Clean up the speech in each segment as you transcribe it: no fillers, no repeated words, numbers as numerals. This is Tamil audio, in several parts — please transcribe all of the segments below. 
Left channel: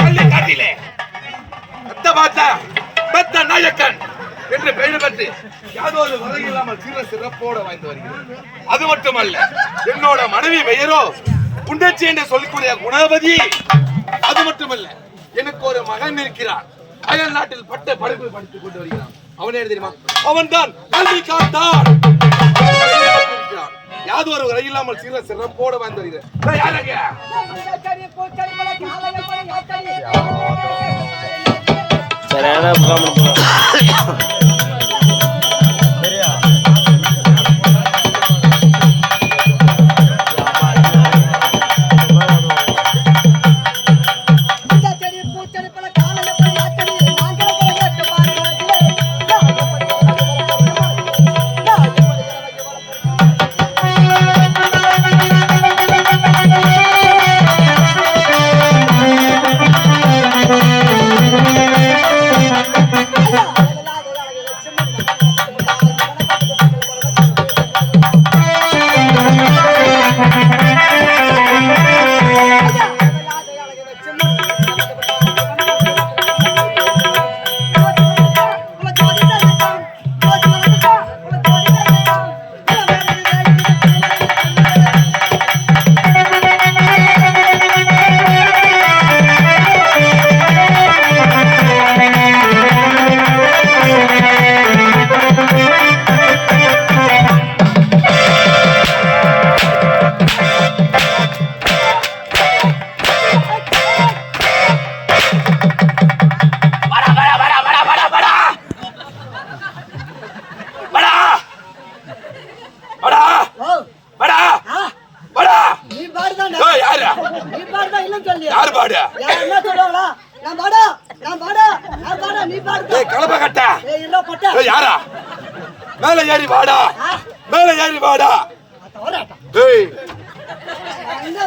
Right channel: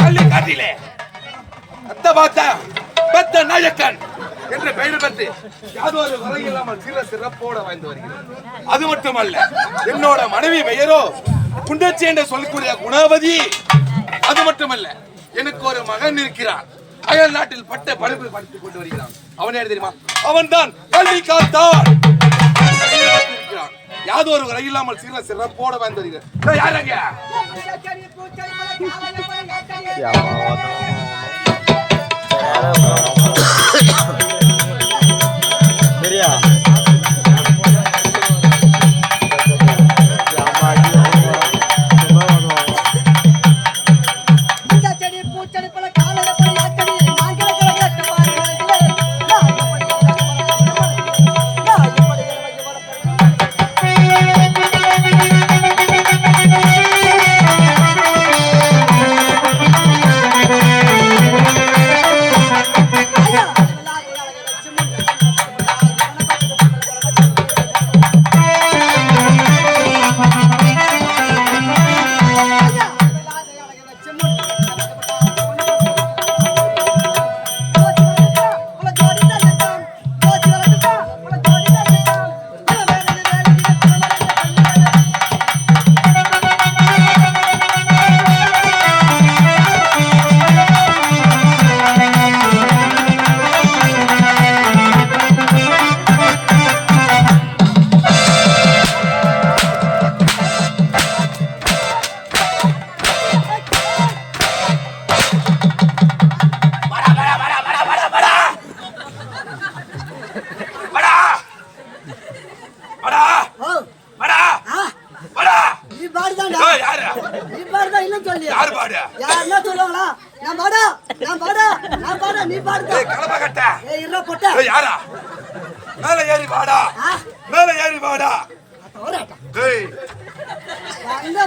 கல்லை காட்டிலே பெத்த நாயக்கன் என்று பெயர் பெற்று யாதொரு வகை இல்லாமல் சிறப்போட வாழ்ந்து வருகிறது. அது மட்டுமல்ல, என்னோட மனைவி பெயரோ குண்டச்சி என்று சொல்லக்கூடிய குணவதி. அது மட்டுமல்ல, எனக்கு ஒரு மகன் இருக்கிறான். அயல் நாட்டில் பட்ட படிப்பு படித்துக் கொண்டு வருகிறான். அவன் யார் தெரியுமா? அவன் தான் கல்வி காத்தான். யாதொரு வகை இல்லாமல் சிறப்போட வாழ்ந்து வருகிறான். யாருங்க?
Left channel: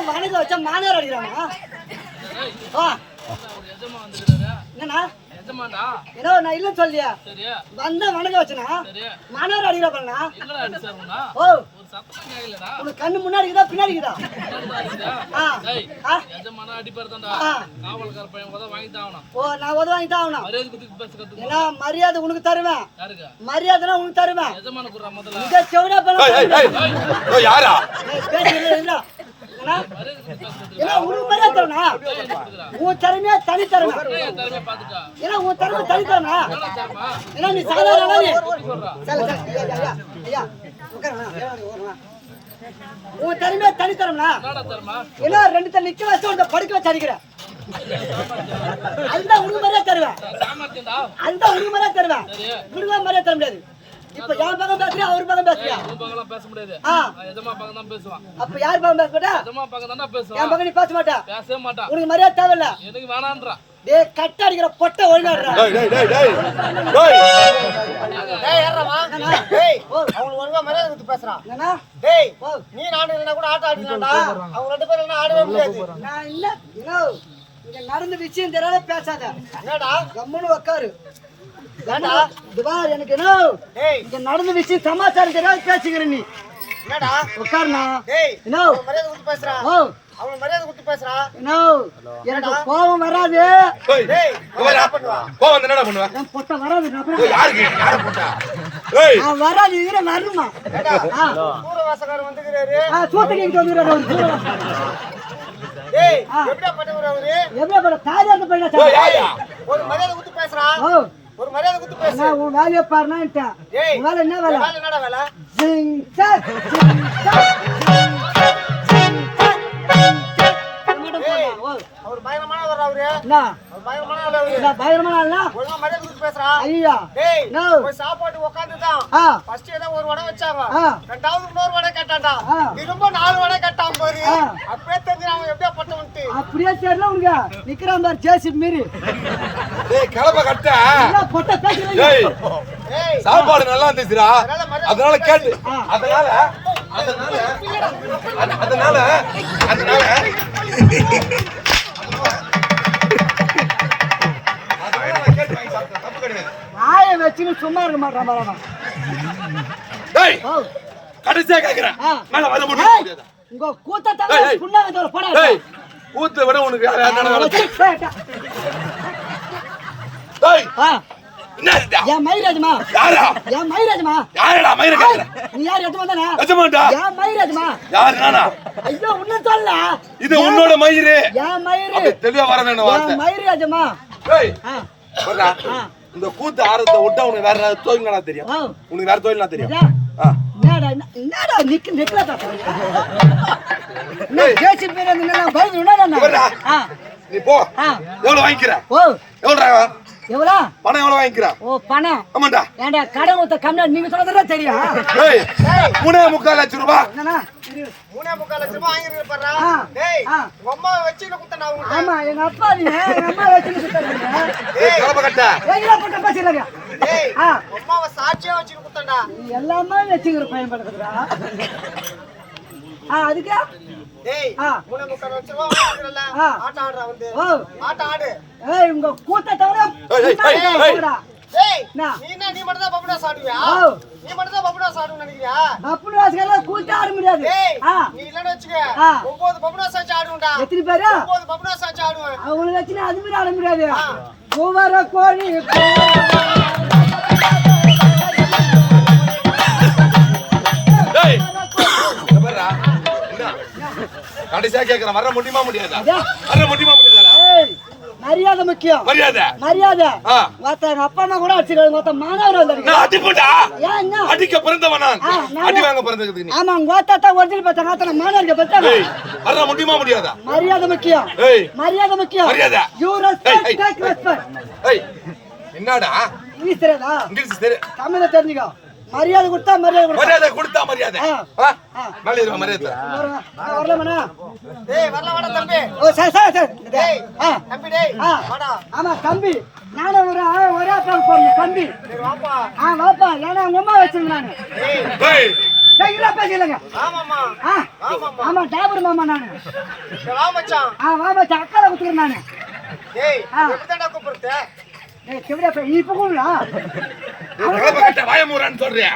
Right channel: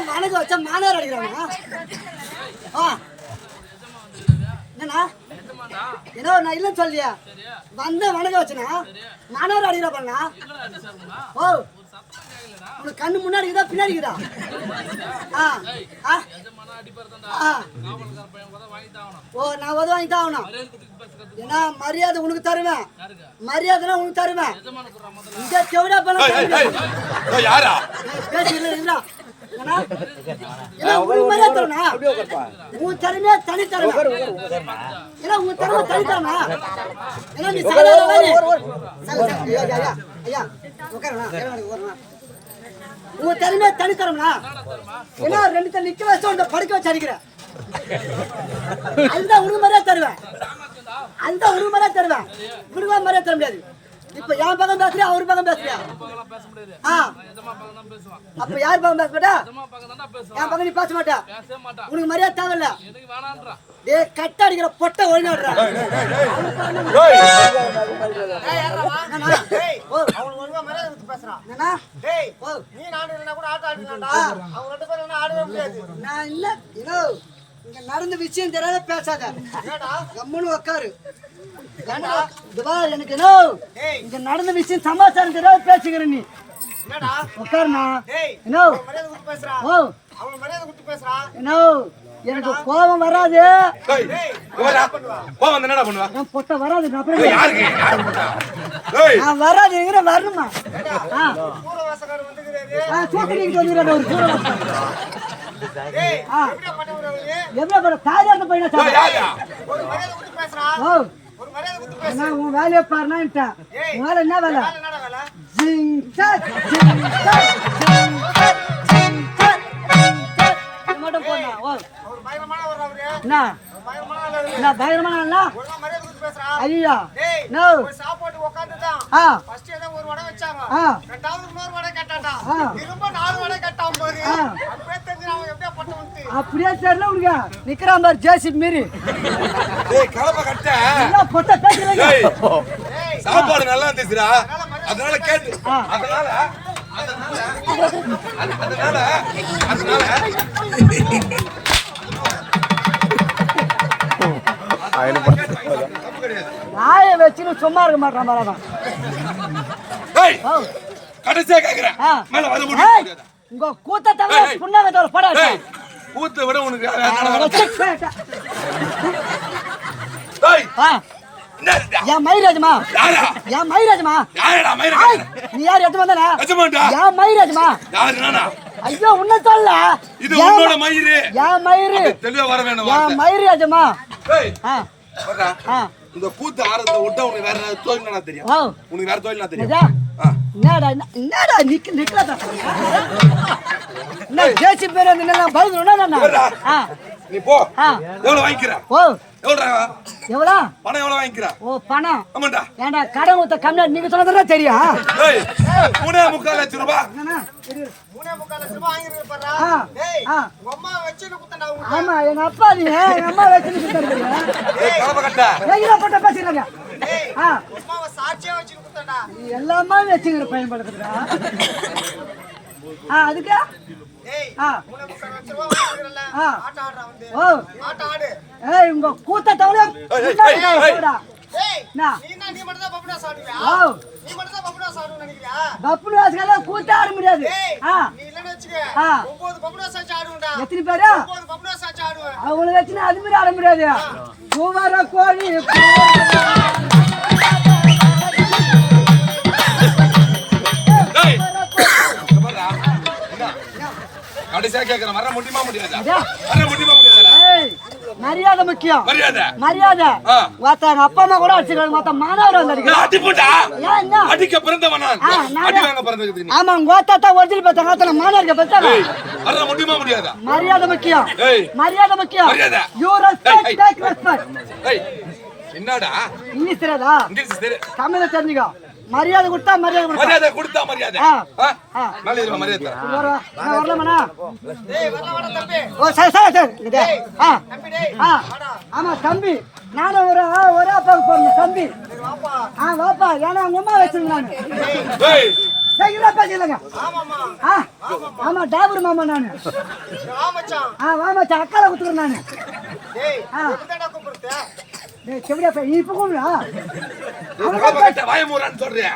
வணக்கம் வச்சா மாநாடு அடிக்கிறானா? என்னண்ணா ஏதோ நான் இல்லைன்னு சொல்லியா வந்த வணக்கம் வச்சனா மாநாடு அடிக்கிறா பண்ணா? ஓ உனக்கு கண்ணு முன்னாடி இருக்குதா பின்னாடி இருக்குதா? ஓ நான் உதவ வாங்கி தான் ஆகணும். ஏன்னா மரியாதை உனக்கு தருவேன். மரியாதை உனக்கு தருவேன். இங்க செவிடா பண்ண பேசுறா ஏன்னா உனக்கு மரியாதை தரணும்னா உன் திறமையா தனி திறமை. ஏன்னா உன் திறமை தனி திறமை. ஏன்னா நீ சாதாரண ஐயா உட்காரணா உன் திறமையா தனி திறமைனா ஏன்னா ரெண்டு தண்ணி நிக்க வச்சு படுக்க வச்சு அடிக்கிற. அதுதான் உனக்கு மரியாதை தருவேன். அதுதான் உனக்கு மரியாதை தருவேன். உனக்கு மரியாதை தர முடியாது. இப்ப என் பக்கம் பேசுறியா அவரு பக்கம் பேசுறியா? அப்ப யார் பக்கம் பேச மாட்டா? என் பக்கம் நீ பேச மாட்டா. உனக்கு மரியாதை தேவையில்ல. கட்ட அடிக்கிற பொட்டை ஒழுங்காடுறா. நான் இல்ல இங்க நடந்த விஷயம் தெரியாத பேசாத. கம்முன்னு உக்காரு. எனக்கு என்ன இங்க நடந்த விஷயம் சமாச்சாரம் தெரியாத பேசுகிற நீ உட்காருண்ணா. எனக்கு கோபம் வராது. பொட்ட வராது. நான் வராது வரணுமா? சூத்திரிக்கு வந்துடுறாரு ஒரு எவ்வளவு காரியாத்த பையனா? உன் வேலையை பாருனா வேலை என்ன வேலை? மட்டும் போனா பயங்கரமான ஐயா சாப்பாடு ஒரு வடை வச்சாங்க. இன்னொரு வடை கட்டாண்டா திரும்ப 4 வடை கட்டாம போது அப்படியே தெரியல உனக்கு நிக்கிறான் பாரு ஜேசிபி மீறி பொட்ட பேசுறீங்க. சாப்பாடு நல்லா இருந்துச்சுடா அதனால கேட்டு வாய வச்சு சும்மா இருக்க மாட்டான் பரவாயில்ல. கடைசியா கேக்குறேன் மேல வர முடியாது. உங்க கூத்த தவிர புண்ணாக தவிர படா ஏய் கூத்த விட உனக்கு யார் ஏய் என்ன இது என் மயிராஜமா யாரா என் மயிராஜமா யாரடா மயிராஜ் நீ யார் எது வந்தானே எஜமான்டா என் மயிராஜமா யார் நானா ஐயோ உன்ன சொல்ல இது உன்னோட மயிரு என் மயிரு அப்ப தெளிவா வர வேணும் வார்த்தை என் மயிராஜமா ஏய் வரடா இந்த கூத்து ஆரத்தை விட்டா உனக்கு வேற தொழில் என்ன தெரியும் உனக்கு வேற தொழில் என்ன தெரியும் என்னடா நிக்கல தாத்தா நான் கேசி பேர் என்ன பயந்துனா நீ போ எவ்வளவு வாங்கிக்கிற ஓ எவ்வளவு எவ்வளவு பணம் எவ்வளவு வாங்கிக்கிற ஓ பணம் ஆமாடா ஏண்டா கடன் ஊத்த கம்மியா நீங்க சொல்றதா தெரியும் ஏய் 3.25 லட்சம் ரூபாய் என்னன்னா 3.25 லட்சம் ரூபாய் வாங்கிருக்க பாறா டேய் அம்மா வச்சின குத்தனா உங்க ஆமா எங்க அப்பா நீ எங்க அம்மா வச்சின குத்தறீங்க ஏய் கலப்ப கட்ட ஏய்ல போட்ட பேசிரங்க டேய் அம்மாவை சாட்சியா வச்சின குத்தடா நீ எல்லாமே வச்சிர பையன் படுறதுடா அதுக்கு டேய் 3.25 லட்சம் ரூபாய் வாங்கிரல ஆட்ட ஆடுறா வந்து ஓ ஆட்ட ஆடு ஏய் உங்க கூத்த தவள போடா ஏய் நீ மட்டும் தான் பப்புடா சாடுவியா நீ மட்டும் தான் பப்புடா சாடுன்னு நினைக்கிறியா பப்புடா சாடுல கூத்த ஆட முடியாது நீ இல்லன்னு வெச்சுக்க 9 பப்புடா சாச்சு ஆடுடா எத்தனை பேரா 9 பப்புடா சாச்சு ஆடுவேன் அவங்கள வெச்சினா அது மாதிரி ஆட முடியாது கோவர கோழி கடைசியா கேக்குறேன் வர முடியுமா முடியாதா வர முடியுமா முடியாதா மரியாதை முக்கியம் மரியாதை மரியாதை வாத்தாங்க அப்பா அம்மா கூட அடிச்சுக்காங்க வாத்தா மானவர் வந்தாரு அடி போடா அடிக்க பிறந்தவன் நான் அடி வாங்க பிறந்ததுக்கு நீ ஆமா உங்க வாத்தா ஒரிஜினல் பார்த்தாங்க அத்தனை மானவர்க பார்த்தாங்க வர முடியுமா முடியாதா மரியாதை முக்கியம் மரியாதை முக்கியம் மரியாதை யூ ரெஸ்பெக்ட் டேக் ரெஸ்பெக்ட் ஏய் என்னடா இங்கிலீஷ் தெரியாதா இங்கிலீஷ் தெரியும் தமிழ்ல தெரிஞ்சுக்கோ மரியாதை கொடுத்தா மரியாதை கொடுத்தா மரியாதை நல்ல இருக்க மரியாதை வரலாமண்ணா டேய் வரல தம்பி ஓ சரி தம்பி டேய் ஆமா தம்பி நானும் ஒரு பேர் போறேன் தம்பி வாப்பா ஏன்னா உங்க அம்மா வச்சிருங்க நானு பேசிக்கலங்க ஆமா டாபர் மாமா நானு வா மச்சான் அக்கால குத்துக்கிறேன் நானு செவிடா இப்ப கூடா வாய மூறான்னு சொல்றேன்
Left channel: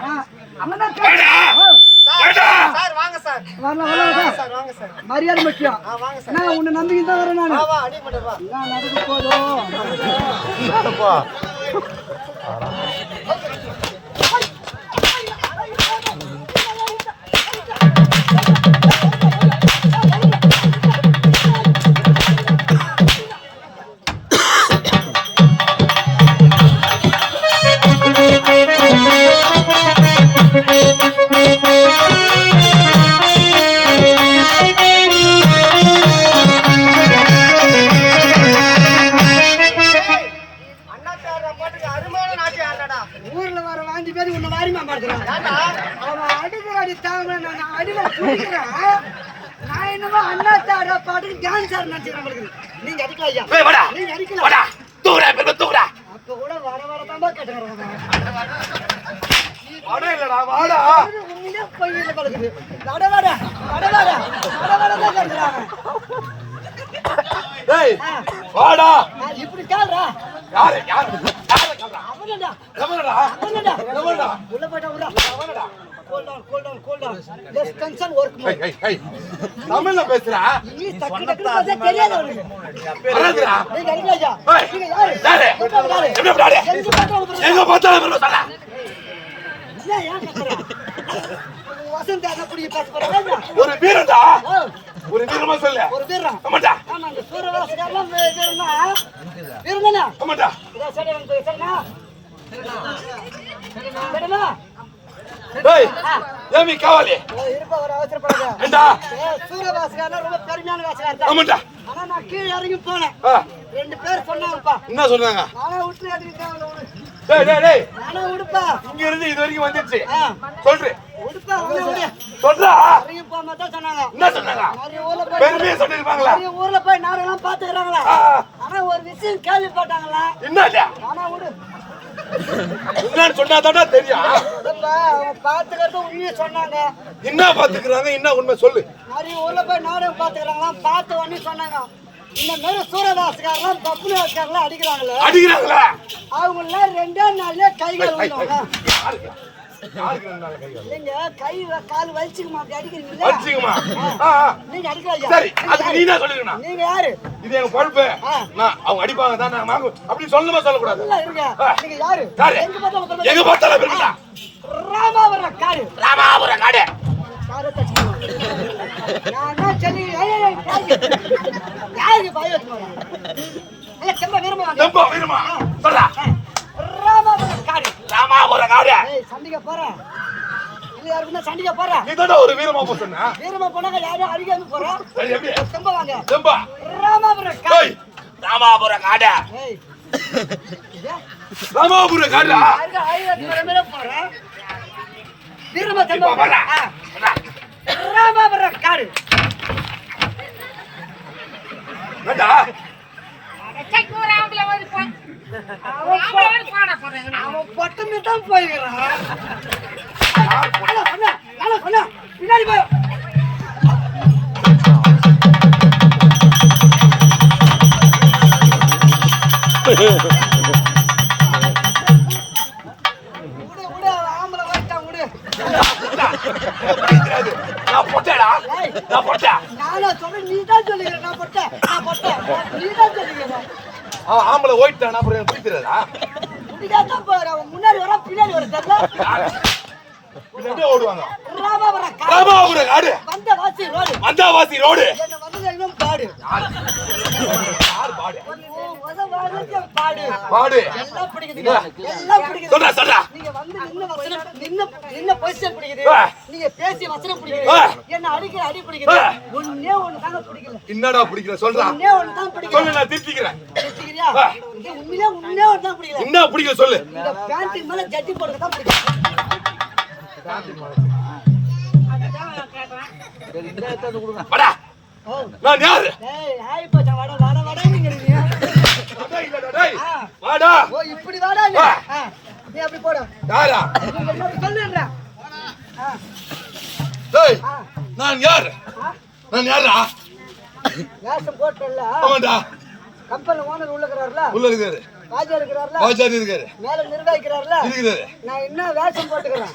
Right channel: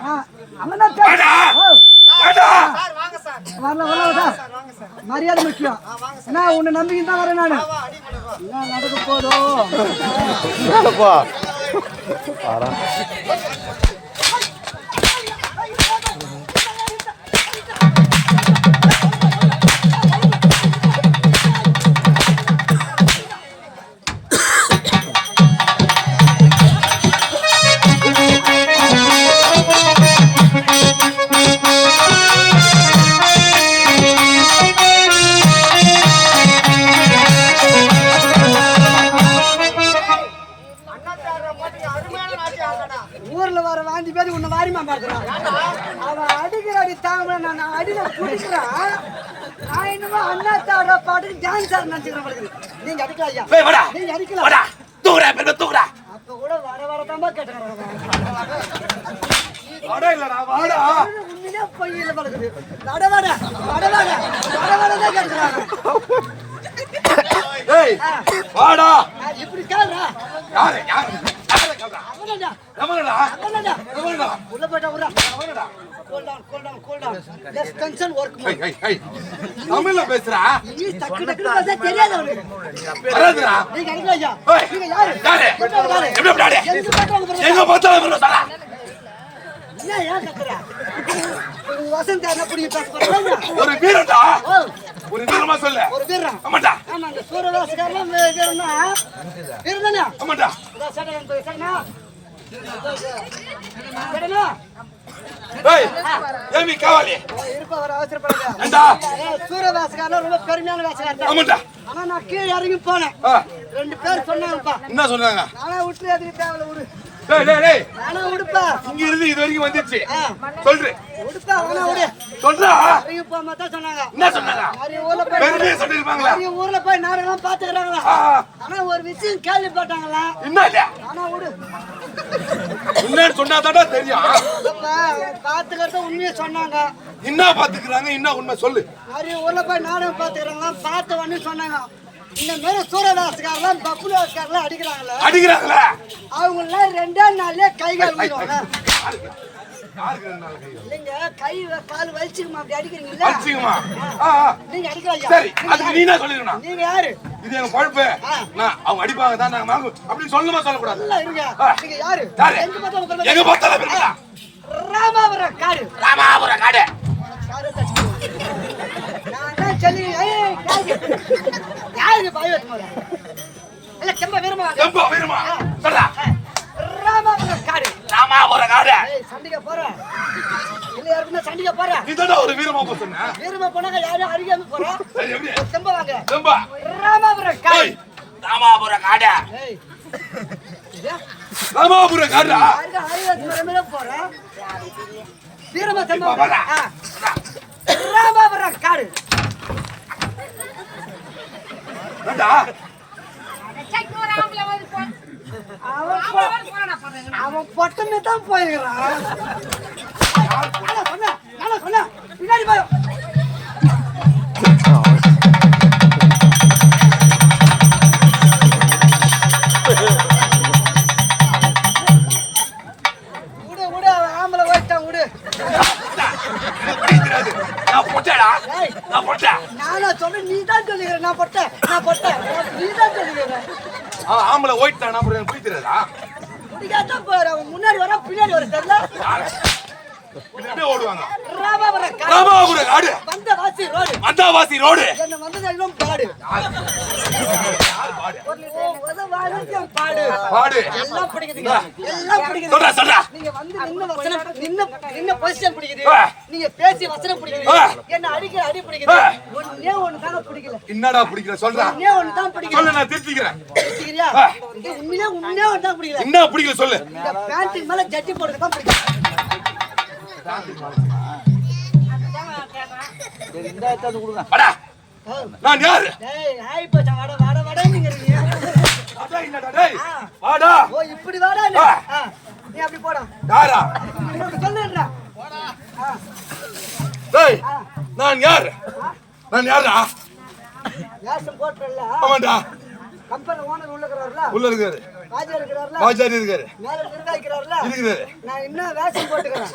மரியாதை முக்கியம் நான் உன்னை நம்பிக்கை தான் வரேன் நானு நடக்க போதும் ஊர்ல வர வாந்தி பேர் உன்னை வாரிமா மாத்துறான் அவன் அடிக்கிற அடி தாங்க நான் அடிக்க பிடிக்கிறேன் நான் என்னமோ அண்ணாத்தார பாட்டுக்கு டான்ஸ் ஆட நினைச்சுக்கிறேன் நீங்க அடிக்கலாம் ஐயா நீங்க அடிக்கலாம் அப்ப கூட வர வரதாம்பா கேட்டுக்கிறாங்க வாடா இல்லடா வாடா உண்மையிலே பொய்யில படுக்குது வடவாடா தான் கேட்கிறாங்க டேய் வாடா இப்படி கேளுடா யாரு அவனடா உள்ள போய்டா அவனடா cool down less tension work தமிழ்ல பேசுறா நீ டக்கு பேச தெரியாது அவனுக்கு வரதுடா நீங்க அடிக்கலாம் ஐயா நீங்க யாரு எப்படி பிராடே எங்க பார்த்தாலும் சொல்றா ஏன் கத்துறா வசந்த் என்ன புடி பாஸ் பண்ணல ஒரு வீரன்டா ஒரு வீரமா சொல்ல ஒரு வீரம் ஆமாடா ஆமா அந்த சூரவாசகாரன் வீரனா வீரனா ஆமாடா இதா சடனா ஏய் ஏமி காவாலி இருப்ப வர அவசரப்படாத ஏண்டா சூரவாசகாரன் ரொம்ப பெருமையான வாசகாரன் ஆமாடா ஆனா நான் கீழ இறங்கி போனேன் ரெண்டு பேர் சொன்னாங்கப்பா என்ன சொன்னாங்க நானே விட்டு அதுக்கு தேவல விடு டேய் நானே விடுப்பா இங்க இருந்து இது வரைக்கும் வந்துச்சு சொல்றே விடுப்பா அவன விடு சொல்றா இறங்கி போமா தான் சொன்னாங்க என்ன சொன்னாங்க நிறைய ஊர்ல போய் பெருமையா சொல்லிருப்பாங்களா நிறைய ஊர்ல போய் நாடெல்லாம் பாத்துக்கறாங்களா ஆனா ஒரு விஷயம் கேள்விப்பட்டாங்களா என்னடா நானே விடு என்னன்னு சொன்னாதாடா தெரியும் இல்லப்பா அவங்க பாத்துக்கிறது உண்மையை சொன்னாங்க என்ன பாத்துக்கறாங்க என்ன உண்மை சொல்லு நிறைய ஊர்ல போய் நாடகம் பாத்துக்கறாங்களா பார்த்து வந்து சொன்னாங்க இந்த மாதிரி சூரதாஸ்காரலாம் பப்புலாஸ்காரலாம் அடிக்கிறாங்களா அடிக்கிறாங்களா அவங்க எல்லாம் ரெண்டே நாள்லயே கைகள் விடுவாங்க யாருக்கு 2 நாள் கை வலி? நீங்க கை கால் வலிச்சுக்குமா அப்படி அடிக்கிறீங்கல்ல? வலிச்சுக்குமா? நீங்க அடிக்கலாம். சரி, அதுக்கு நீ என்ன சொல்லிருக்கணும்? நீங்க யாரு? இது எங்க பொறுப்பு. நான் அவங்க அடிப்பாங்க தான் நான் வாங்க. அப்படி சொல்லணுமா சொல்லக்கூடாது? இல்ல இருங்க. நீங்க யாரு? யாரு? எங்க பார்த்தாலும் இருக்கா? ராமாபுரம் காடு. ராமாபுரம் காடு. காரை தச்சுக்குவோம். நான் தான் சொல்லி யாரு பாயத்து போறா? இல்ல செம்ப வீரமா. செம்ப வீரமா. சொல்றா. ராமாபுரம் காடு. ராமாபுரம் காடு. ஏய் சண்டிக போறா. இல்ல யாருக்குன்னா சண்டிக போறா. நீதான் ஒரு வீரமா போ சொன்னா. வீரமா போனாங்க யாரும் அடிக்காம போறா. சரி எப்படி? செம்ப வாங்க. செம்ப. ராமாபுரம் காடு. ஏய் ராமாபுரம் காடு. ஏய். ராமாபுரம் காடு. யாருக்கு ஆயிரத்து மரமே போறா. வீரமா செம்ப போறா. ராமாபுரம் காடு. ஏண்டா? அவன் பொட்டமே தான் போயிருக்கிறான். சொன்ன பின்னாடி போய் விடு ஆம்பளை ஓட்டான் விடு. நான் பொட்டேடா. நான் பொட்டே. நானா சொல்லி நீ தான் சொல்லுகிற. நான் பொட்டை நீ தான் சொல்லுகிற. ஆம்பளை ஓயிட்டான் அப்புறம் எனக்கு பிடிக்கிறதா? பிடிக்காதான் போற. அவன் முன்னாடி வர பின்னாடி வர தெரியல. அப்படியே ஓடுவாங்க. ராமாபுரம் காடு. வந்தவாசி ரோடு. என்ன வந்து பாடு. யார் பாடு? பாடு. பாடு. எல்லாம் பிடிக்குதுங்க. எல்லாம் பிடிக்குது. சொல்றா சொல்றா. நீங்க வந்து நின்னு வசனம் நின்னு பொசிஷன் பிடிக்குது. நீங்க பேசி வசனம் பிடிக்குது. என்ன அடிக்கிற அடி பிடிக்குது. ஒண்ணே ஒண்ணு தாங்க பிடிக்கல. என்னடா பிடிக்கல சொல்றா. ஒண்ணே ஒண்ணு தான் பிடிக்கல. சொல்லு நான் திருத்திக்கிறேன். திருத்திக்கிறியா? இது உண்மையா ஒண்ணே ஒண்ணு தான் பிடிக்கல. என்ன பிடிக்கல சொல்லு. இந்த பேண்டிங் மேல ஜட்டி போடுறது தான் பிடிக்கல. சரி இந்த எடுத்து கொடுங்க. வாடா. நான் யாரு? டேய் ஹாய் பச்சா வாடா நீங்க. வாடா இல்லடா டேய். வாடா. ஓ இப்படி வாடா நீ. நீ அப்படி போடா. யாரா? நீங்க என்ன சொல்லுறா? டேய். நான் யாரு? நான் யாரா? யாசம் போட்டல்ல. ஆமாடா. கம்பெனி ஓனர் உள்ள இருக்கறார்ல? உள்ள இருக்காரு. ராஜா இருக்கறார்ல? ராஜாரி இருக்காரு. மேல நிர்வாகிக்கிறார்ல? இருக்காரு. நான் என்ன வேஷம் போட்டுக்கறேன்?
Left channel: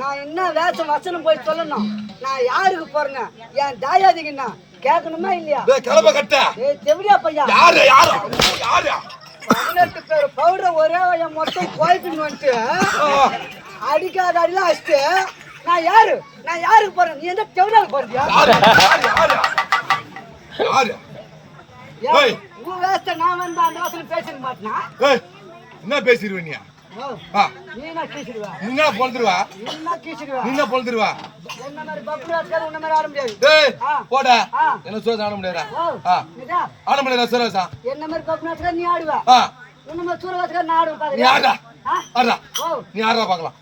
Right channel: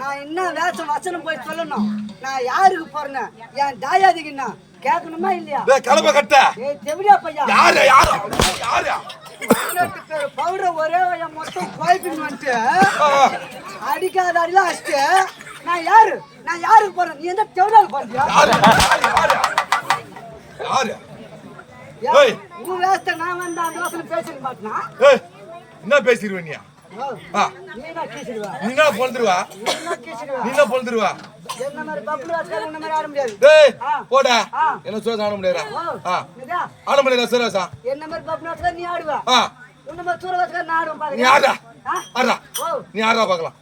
நான் என்ன வேஷம் வசனம் போய் சொல்லணும்? நான் யாருக்கு போறேன்? என் தாயாதிக்குன்னா கேட்கணுமா இல்லையா? டேய் கலப்ப கட்ட. ஏய் தெவிடியா பையா. யாரு? 18 பேர் பவுடர் ஒரே வயம் மொத்தம் கோயிப்பின்னு வந்துட்டு அடிக்காத அடிலாம் அடிச்சுட்டு நான் யாருக்கு போறேன்? நீ என்ன தெவிடியாக்கு போறியா? யாரு? ஏய் உன் வேஸ்ட நான் வந்து அந்த வாசல பேசிக்க மாட்டேனா? ஏய் என்ன பேசிடுவ நீ? நீ என்ன கீச்சிடுவா? நீ என்ன பொளந்துருவா? நீ என்ன கீச்சிடுவா? நீ என்ன பொளந்துருவா? என்ன மாதிரி பப்புராஸ்கார உன்ன மாதிரி ஆட முடியாது. டேய் போடா. என்ன சோஸ் ஆட முடியாதா? நீடா ஆட முடியாதா சரசா? என்ன மாதிரி பப்புராஸ்கார நீ ஆடுவா. உன்ன மாதிரி சூரவாஸ்கார நான் ஆடுவேன் பாரு. நீ ஆடா. ஆடா. நீ ஆடா பார்க்கலாம்.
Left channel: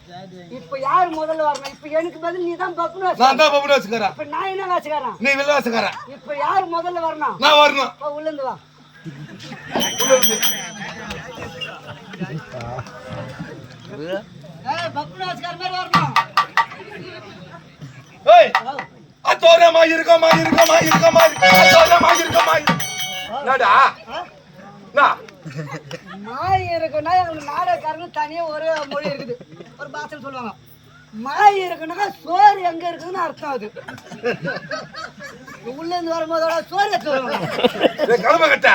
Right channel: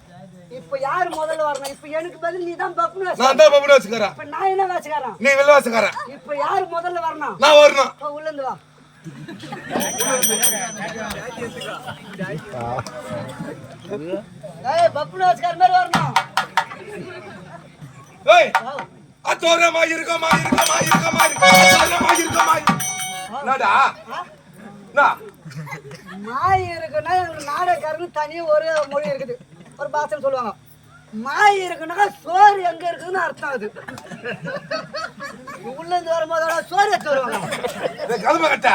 இப்ப யார் முதல்ல வரணும்? இப்ப எனக்கு பதில் நீ தான் பப்புராஸ். நான் தான் பப்புராஸ்காரன். இப்ப நான் என்ன வாஸ்காரன்? நீ வில்லவாஸ்காரன். இப்ப யார் முதல்ல வரணும்? நான் வரணும். உள்ள இருந்து வா. ஏய் பப்புராஸ்கார மாதிரி வரணும். ஏய் அத்தோரமா இருக்கமா. என்னடா? மாய் இருக்குன்னா எங்களுக்கு நாடகக்காரங்க தனியா ஒரே மொழி இருக்குது. ஒரு பாஷை சொல்லுவாங்க. மாய் இருக்குன்னாக்கா சோறு எங்க இருக்குன்னு அர்த்தம். அது உள்ள இருந்து வரும்போதோட சோறு வச்சு வருவாங்க. கலம கட்ட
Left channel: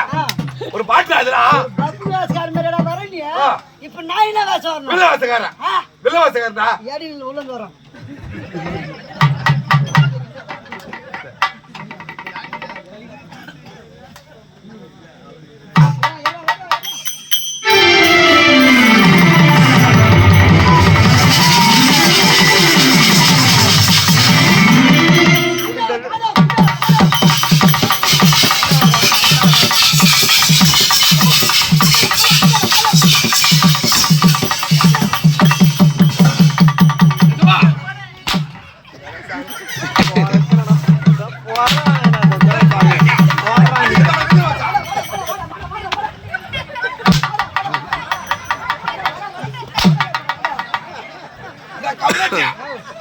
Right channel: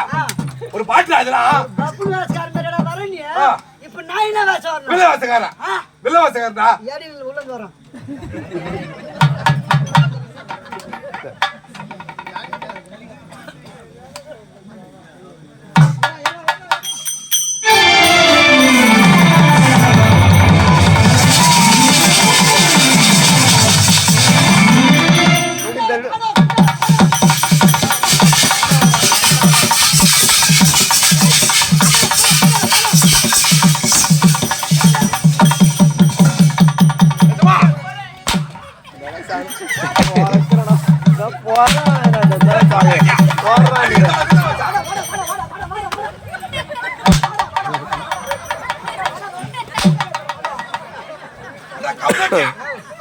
ஒரு பாட்டு அதெல்லாம் பப்புராஸ்கார மாதிரிடா வரீங்க. இப்ப நான் என்ன வேஷம் வரணும்? வில்லவாசகாரன்டா. ஏடி உள்ள இருந்து வரோம்.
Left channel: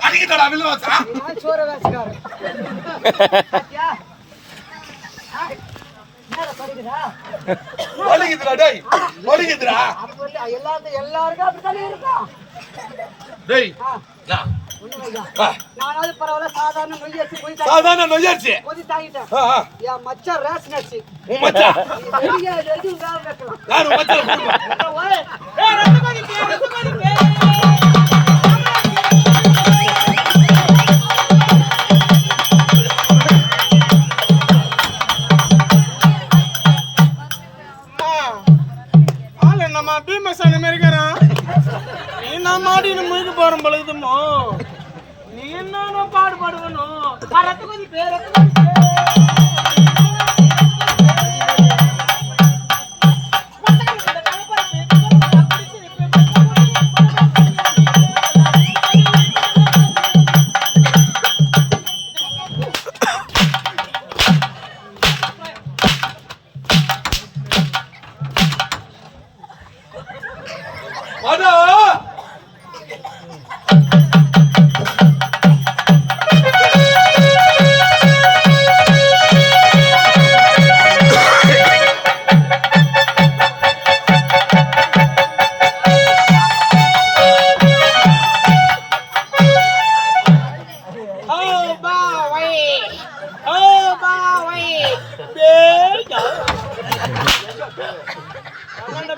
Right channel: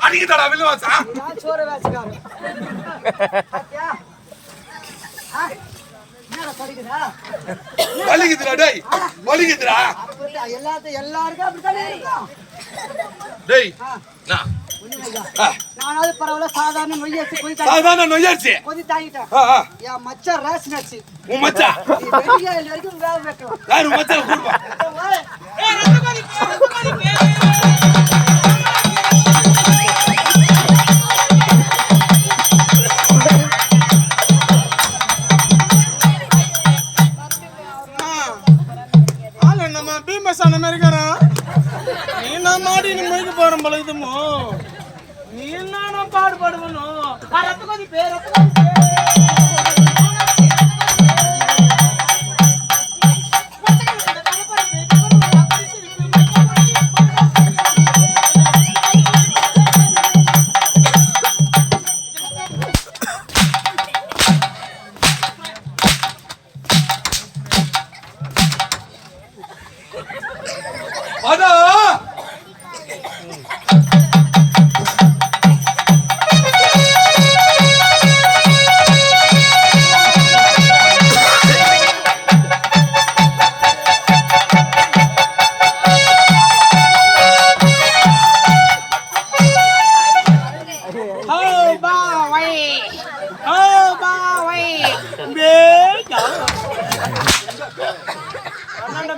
அடிக்கடா வில்லவாசா. நான் சோறு வேஷக்காரன். பாத்தியா? என்னடா படிக்கிறா வலிக்குதுடா டேய் வலிக்குதுடா அப்ப எல்லாருக்கும் அப்படித்தானே இருக்கும் டேய் ஆ, நான் ஒண்ணும் ஐயா. ஆ, நானாவது பரவாயில்ல சாதாரண நொய்யரிசி சாதாரண நொய்யரிசி கொதி தாங்கிட்டேன் என் மச்சான் ரேஷன் அரிசி உன் மச்சான் நீ வெளியே வரைக்கும் வேக வைக்கலாம் யார் உன் மச்சான் கூடுமா ஓய், நம்ம பீமசான மாதிரி இருக்கிறான் நீ நான் மாடினு மொழிக்கு போறோம் போல இதுமோ நீ என்ன பாடுபடுவனும் ரத்து கொதி பே ரத்து கொதி வாடா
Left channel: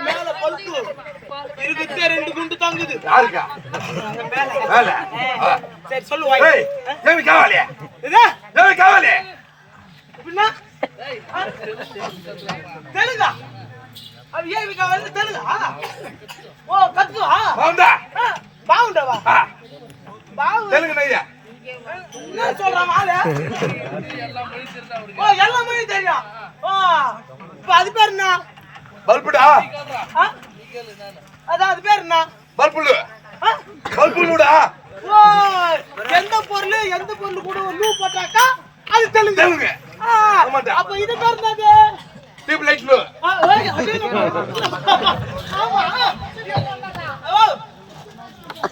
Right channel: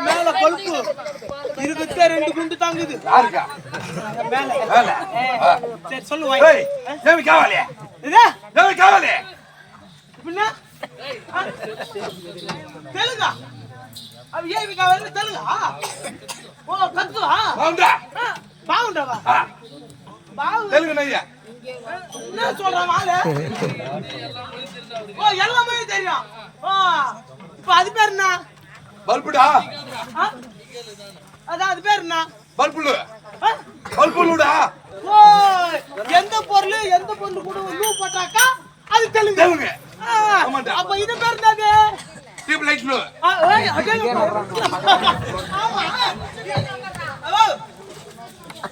மேல கொழுப்பு இருக்குதே 2 குண்டு தாங்குது யாருக்கா மேல வேல சரி சொல்லுவாய் ஏய் ஏமி காவாலே இதா ஏமி காவாலே பின்ன தெலுங்கா அது ஏவி காவாலே தெலுங்கா ஓ கத்துவா வாண்டா பாவுண்டவா பாவு தெலுங்கு நையா என்ன சொல்ற வாள ஓ எல்லாமே தெரியும் ஓ இப்ப அது பேர் என்ன பல்புடா அது பேர் என்ன பல்புடு பல்புலுடா ஓ எந்த பொருள் கூட லூ போட்டாக்கா அது தெலுங்கு தெலுங்கு ஆமாடா. அப்ப இது பேர் என்னது டியூப் லைட் லு ஆமா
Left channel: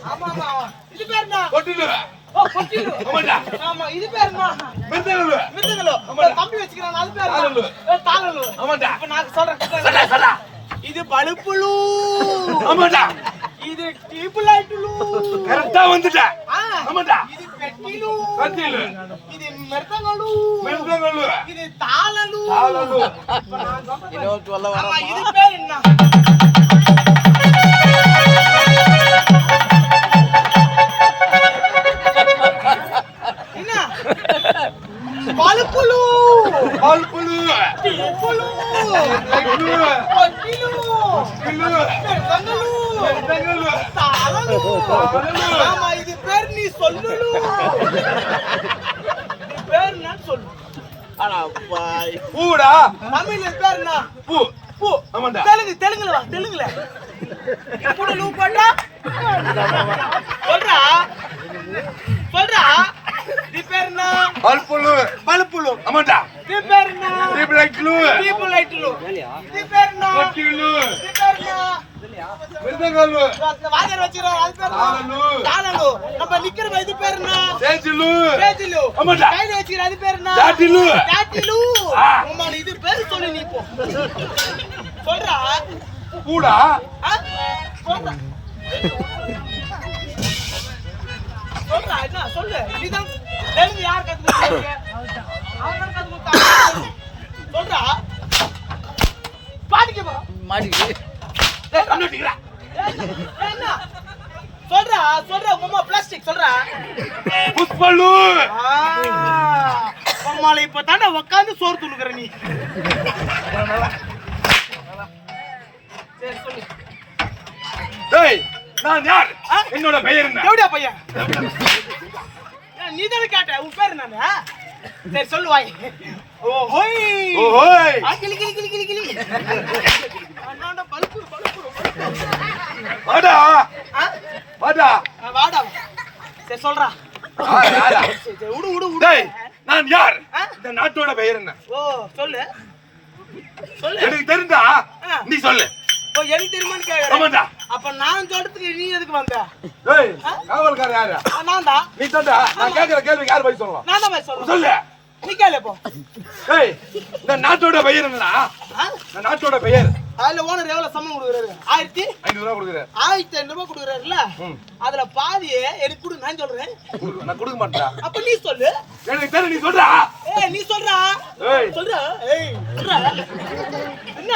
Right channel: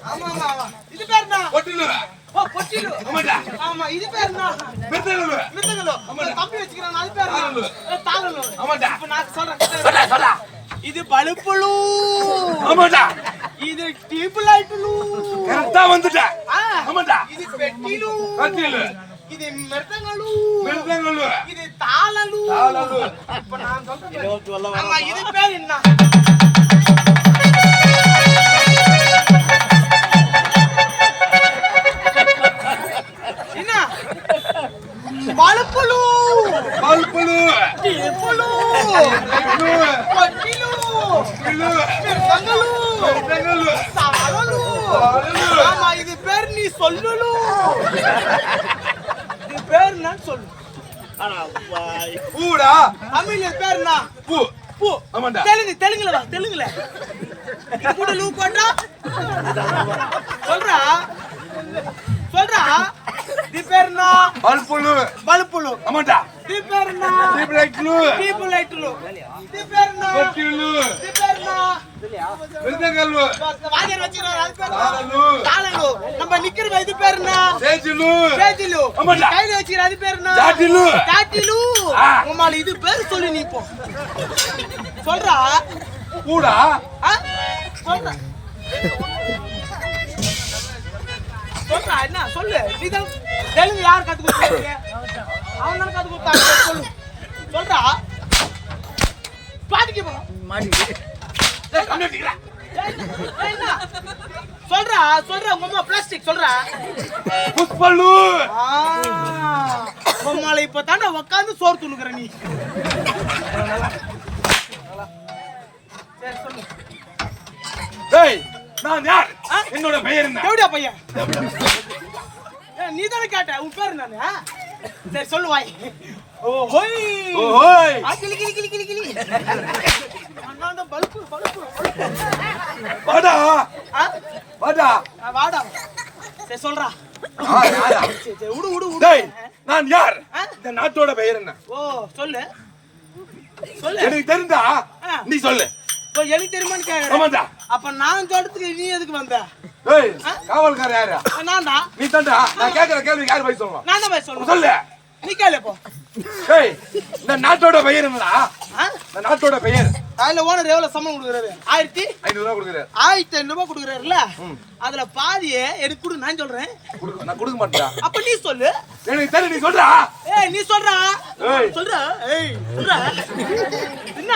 ஆமா ஆமா ஆமா இது பேர் என்ன பொட்டிலு ஓ பொட்டிலு ஆமாடா ஆமா இது பேர் என்ன மிருதங்கலு மிருதங்கலோ தம்பி வச்சுக்கிறான் அது பேர் தாளலு. என்ன தாளலு ஆமாடா இப்ப நான் சொல்றேன் சடா சடா இது பலுப்புலு ஆமாடா இது டியூப் லைட்லு கரெக்ட்டா வந்துட்ட ஆமாடா இது பெட்டிலு கத்திலு இது மிருதங்கலு மிருதங்கலு இது தாளலு தாளலு இப்ப நான் சொல்றேன் ஆமா இது பேர் என்ன என்ன பலுப்புலு பல்புலு டியூப்லு லைட்லு பொட்டிலு கிலு மிருதங்கலு மிருதங்கலு தாளலு தாளலு. ஆமா இது பேர் நீ சொல்லுலு இது பேர் என்ன சொல்லு பூடா தமிழ் இது பேர் என்ன பூ பூ ஆமாடா தெலுங்குல வா தெலுங்குல கூட லூ போட்டா சொல்றா இது பேர் என்ன பல்புலு பலுப்புலு ஆமாடா இது பேர் என்ன டியூப் லைட் லு பீப்புள் லைட்லு இது பேர் என்ன பொட்டிலு இது பேர் என்ன மிருதங்கலு வாரியர் வச்சிரோம் அது பேர் தாளலு. தாளலு நம்ம நிக்கிறோம் இது பேர் என்ன சேஜிலு சேஜிலு ஆமாடா. கையில வச்சிர அது பேர் என்ன ஜாட்டிலு சாட்டிலு ஆ. உம்மால இது பேர் சொல்லு நீ இப்போ சொல்றா பூடா சொல்றா என்ன சொல்லு நீதான் தெலுங்கு யார் கத்து கொடுத்தாங்க அவங்க கத்து கொடுத்தாங்க சொல்றா பாடிக்க போ டேய் கம்மிட்டிங்கடா என்ன சொல்றா உங்க அம்மா பிளாஸ்டிக் சொல்றா புஷ்பலு உம்மால இப்ப தாண்டா உட்காந்து சோறு துணுக்குற நீ சரி சொல்லு டேய் நான் யார் என்னோட பெயர் என்ன எப்படியா பையன் நீ தானே கேட்ட உன் பேர் நானு சரி சொல்லு வாய் ஓஹோய் ஓஹோய் கிளி கிளி கிளி கிளி கிளி அண்ணாண்ட பல்பு வாடா ஆ வாடா வாடா சரி சொல்றா யாரா சரி விடு டேய் நான் யார் இந்த நாட்டோட பெயர் என்ன ஓ சொல்லு எனக்கு தெரிந்தா நீ சொல்லு ஓ எனக்கு தெரியுமான்னு கேக்குறேன் ஆமாடா அப்ப நான் சொல்றதுக்கு நீ எதுக்கு வந்த டேய் காவல்கார யாரா நான் தான் நீ தான்டா நான் கேக்குற கேள்விக்கு யார் பதில் சொல்லலாம் நான் தான் போய் சொல்றேன் சொல்லு நீ கேளு போ. ஏய் இந்த நாட்டோட பெயர் என்னடா? இந்த நாட்டோட பெயர். அதுல ஓனர் எவ்வளவு சம்பளம் கொடுக்குறாரு? 1500 ரூபாய் கொடுக்குறாரு. 1500 ரூபாய் கொடுக்குறாருல்ல, அதுல பாதியே எனக்கு கொடு. நான் சொல்றேன். நான் கொடுக்க மாட்டேன்டா. அப்ப நீ சொல்லு. எனக்கு தெரியல, நீ சொல்றா. ஏய் நீ சொல்றா. ஏய் சொல்றா. ஏய் சொல்றா. என்ன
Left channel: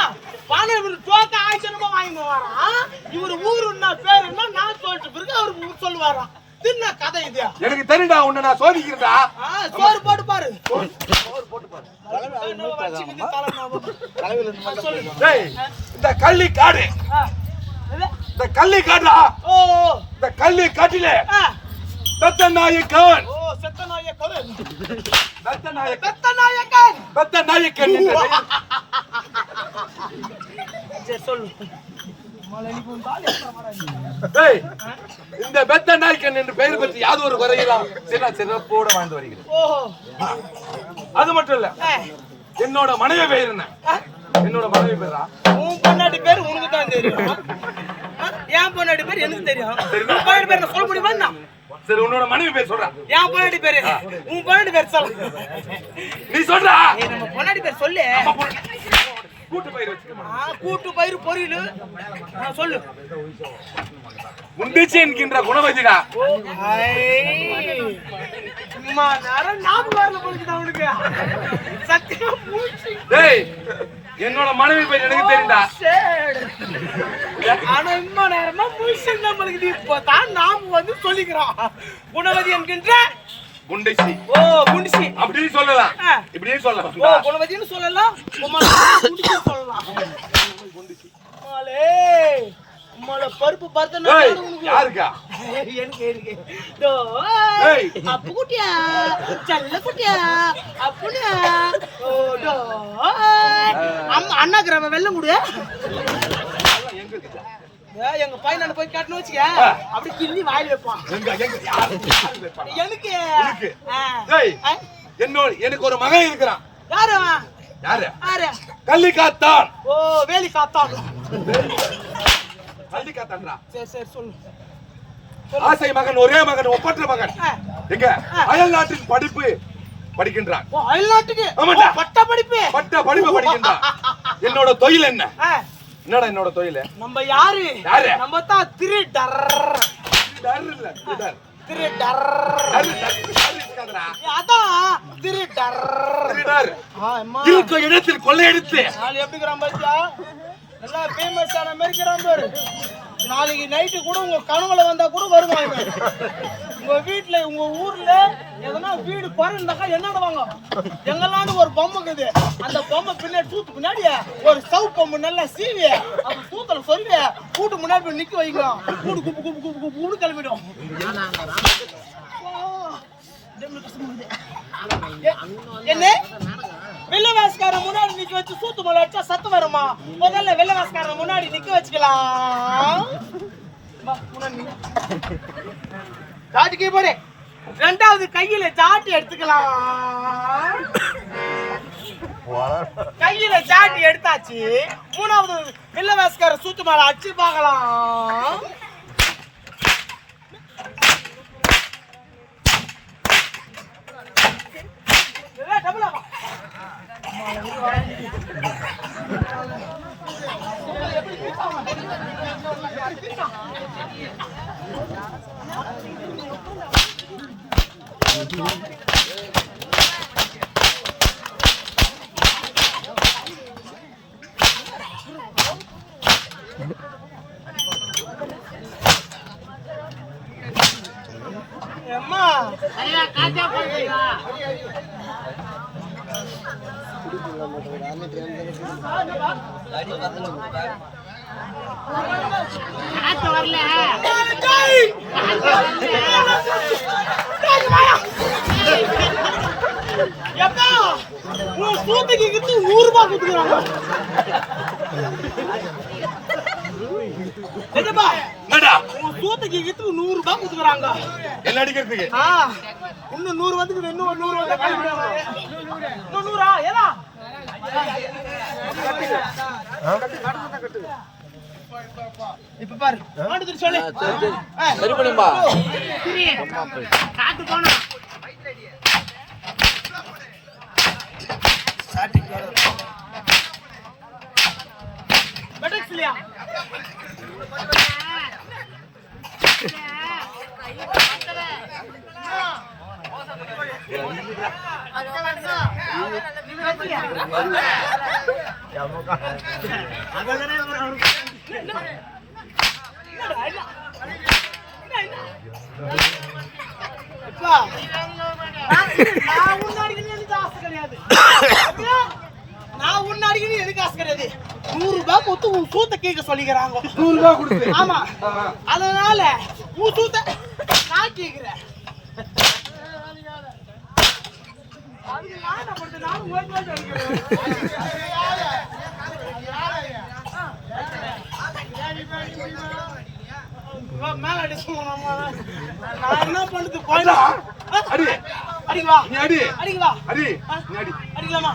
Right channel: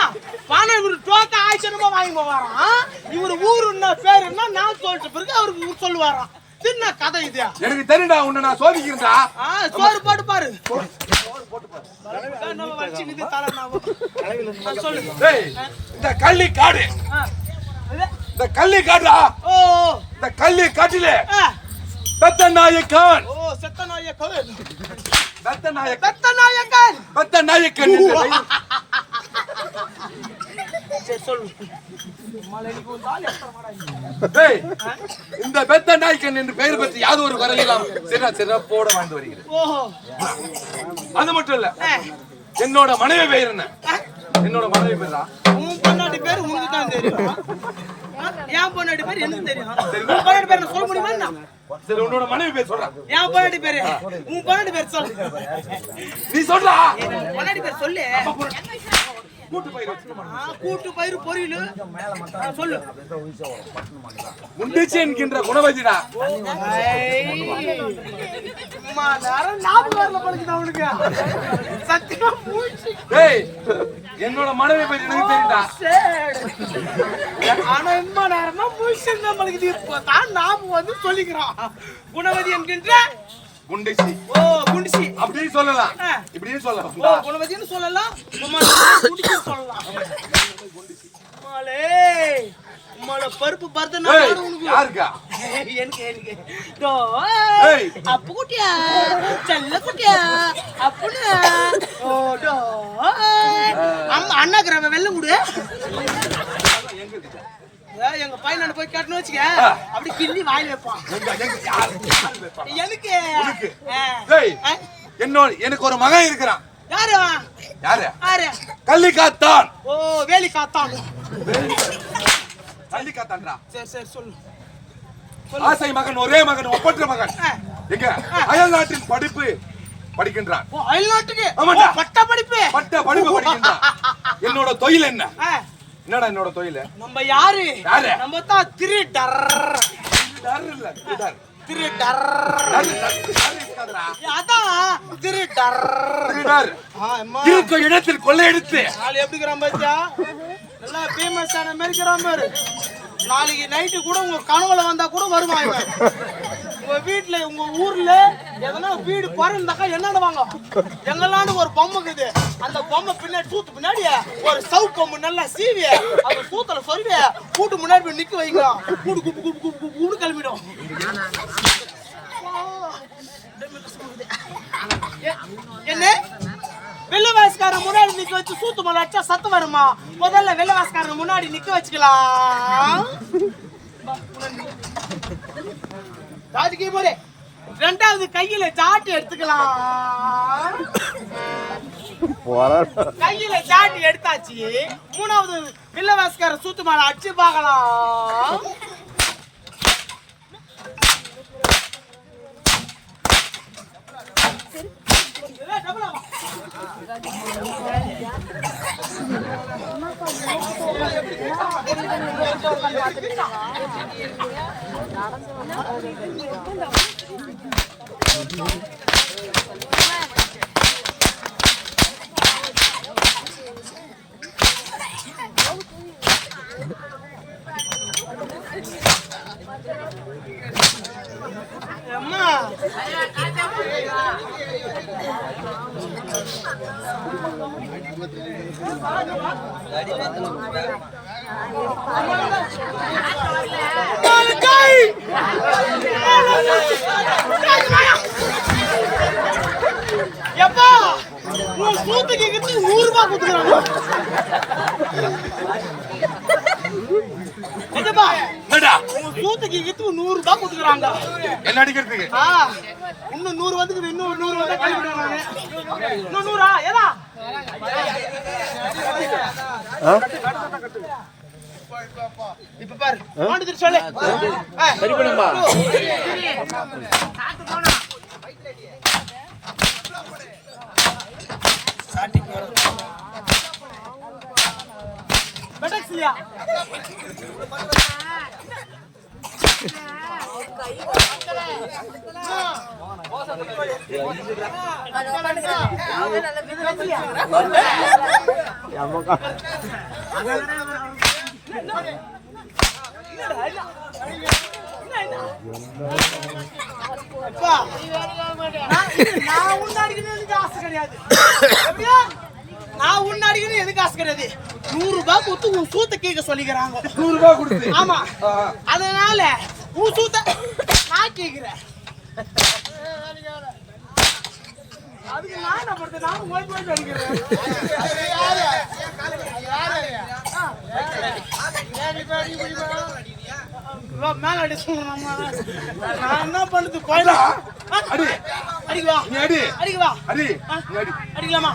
பானை இவரு டோக்க ஆயிச்சனமா வாங்கி போவாராம். இவரு ஊருன்னா பேர் என்ன நான் சொல்லிட்டு பிறகு அவருக்கு ஊர் சொல்லுவாராம். என்ன கதை இது? எனக்கு தெரியும்டா, உன்னை நான் சோதிக்கிறேன்டா. சோறு போட்டு பாரு. சோறு போட்டு பாரு. சொல்லு. டேய் இந்த கள்ளி காடு. இந்த கள்ளி காடுடா. ஓ இந்த கள்ளி காட்டில பெத்தநாயக்கன். ஓ செத்தநாயக்கன். பெத்தநாயக்கன் என்ற பெயர். சரி சொல்லு. டேய் இந்த பெத்தநாயக்கன் என்ற பெயர் பற்றி யாவது ஒரு குறையலாம் சிறப்போடு வாழ்ந்து வருகிறேன். ஓஹோ அது மட்டும் இல்ல, என்னோட மனைவி பெயர் என்ன? என்னோட மனைவி பேரா? உன் பொண்டாட்டி பேர் உனக்கு தான் தெரியும். என் பொண்டாட்டி பேர் எனக்கு தெரியும். உன் பொண்டாட்டி பேர் சொல்ல முடியுமா என்ன? சரி உன்னோட மனைவி பேர் சொல்றா. என் பொண்டாட்டி பேரு உன் பொண்டாட்டி பேர் சொல்லு. நீ சொல்றா. நம்ம பொண்டாட்டி பேர் சொல்லு. கூட்டு பயிர் வச்சுக்கமா. கூட்டு பயிர் பொரியல் சொல்லு. முண்டிச்சி என்கின்ற குணவதிடா. அம்மா நேரம் ஞாபகம் வரல பழுக்குதா உனக்கு? சத்தியமா மூச்சு. டேய் என்னோட மனைவி பேர் எனக்கு தெரியும்டா. ஆனா இம்மா நேரமா மூச்சு நம்மளுக்கு இப்பதான் நாம வந்து சொல்லிக்கிறோம். குணவதி என்கின்ற குண்டிச்சி. ஓ குண்டிச்சி அப்படி சொல்லலாம், இப்படி சொல்லலாம். ஓ குணவதின்னு சொல்லலாம், குண்டிச்சி சொல்லலாம். குண்டிச்சி மாலே மால பருப்பு பர்தன யாருக்கா? எனக்கு டோ அப்பு குட்டியா செல்ல குட்டியா அப்புனா ஓ டோ அண்ணா கிரவ வெல்லம் குடு. எங்க இருக்கா? எங்க பையன் போய் கட்டணும் வச்சுக்க, அப்படி கிள்ளி வாயில வைப்பான். எனக்கு எனக்கு ஒரு மகன் இருக்கிறான். யாரு யாரு? யாரு? கள்ளிக்காத்தான். ஓ வேலி காத்தான். கள்ளிக்காத்தான்டா. சரி சரி சொல்லு. ஆசை மகன், ஒரே மகன், ஒப்பற்ற மகன். எங்க அயல் நாட்டில் படிப்பு படிக்கின்றான். ஓ அயல் நாட்டுக்கு பட்ட படிப்பு படிக்கின்றான். என்னோட தொழில் என்ன? என்னடா என்னோட தொழில்? நம்ம யாரு? நம்ம தான் திருடர். டர் இல்ல, திருடர். திருடர். அதான் திருடர். திருடர். இருக்க இடத்தில் கொள்ளையடித்து நாளை எப்படிக்கிறான் பாத்தியா? நல்லா ஃபேமஸ் ஆன மெரிக்கிறான் பேரு. நாளைக்கு நைட்டு கூட உங்க கனவுல வந்தா கூட வருவான் இவன். உங்க வீட்டுல உங்க ஊர்ல எதனா வீடு குறைந்தாக்கா என்னடுவாங்க? எங்கெல்லாம் ஒரு பொம்மை இருக்குது, அந்த பொம்மை பின்னாடி சூத்து பின்னாடி ஒரு சவு பொம்மை நல்லா சீவி அது சூத்துல சொல்லி கூட்டு முன்னாடி போய் நிக்க வைக்கும். கூடு குப்பு குப்பு குப்பு குப்பு கிளம்பிடும். என்ன வெள்ளவாசக்காரன் முன்னாடி நிக்க வச்சு சூத்து மலை அடிச்சா சத்தம் வருமா? முதல்ல வெள்ளவாசக்காரன் முன்னாடி நிக்க வச்சுக்கலாம். ஜாட்டிக்கு போறே. ரெண்டாவது கையில ஜாட்டி எடுத்துக்கலாம். கையில ஜாட்டி எடுத்தாச்சு. மூணாவது வெள்ளவாசக்கார சூத்து மலை அடிச்சு பார்க்கலாம். அம்மா சூத்துக்கு 100 ரூபாய் கொடுத்துக்கிறாங்க. சூத்துக்கு 100 ரூபாய் கொடுத்துக்கிறாங்க. என்ன அடிக்கிறதுக்கு? இன்னும் 100 வந்துக்குது. இன்னும் 100 வந்தா கழிவிடுவாங்க. இன்னும் 100 ஏதா இப்ப பாரு மாட்டுக்கு சொல்லு. சரி பண்ணும்பா. ஸ்டார்டிங் வர பெட்டக்ஸ்லியா நான் உன்ன அடிக்கணும் எனக்கு ஆசை கிடையாது. நான் உன்ன அடிக்கணும் எனக்கு ஆசை கிடையாது. 100 ரூபாய் கொடுத்து உன் சூத்த கேட்க சொல்லிக்கிறாங்க. 100 ரூபாய் கொடுத்து? ஆமா. அதனால உன் சூத்த நான் கேக்குறேன். அதுக்கு நான் என்ன பண்றது? நான் ஓடி அடிக்கிறேன். மேல அடி சொல்லணும். நான் என்ன பண்றது? போயிடா அடி அடிக்குவா நீ அடி அடிக்குவா அடி நீ அடி அடிக்கலாமா?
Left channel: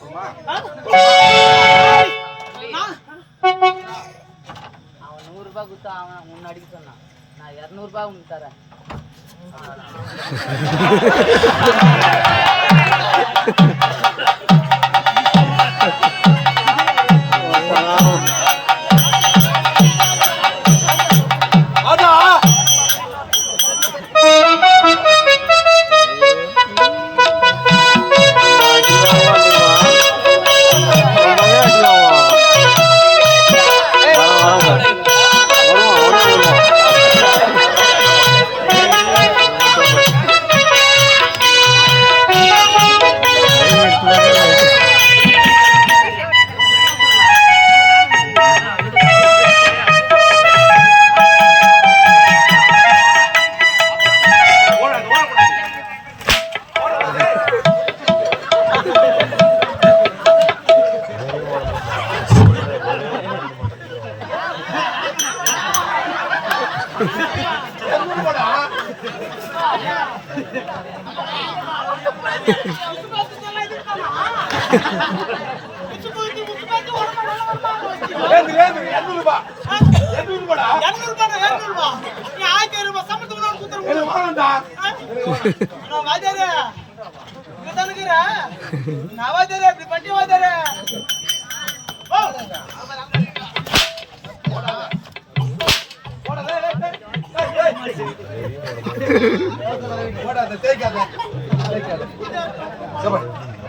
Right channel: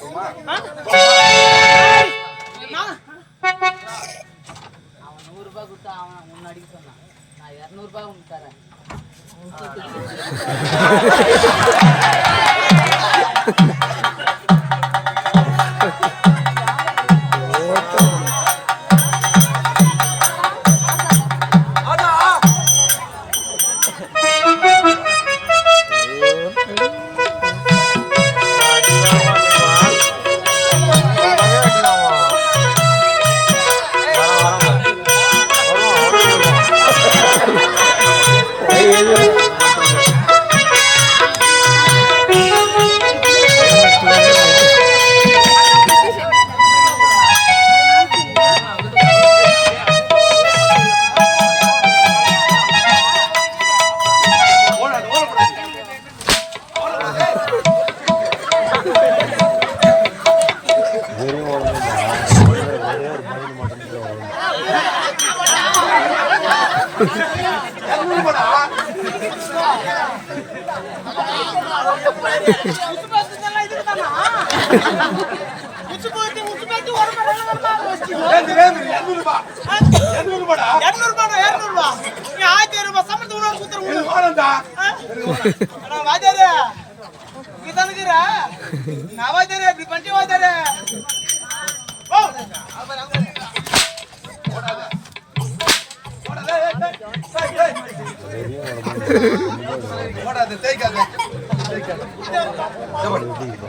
சும்மா அவன் 100 ரூபாய் கொடுத்தா அவன் உன்னை அடிக்க சொன்னான். நான் 200 ரூபாய் உனக்கு தரேன்.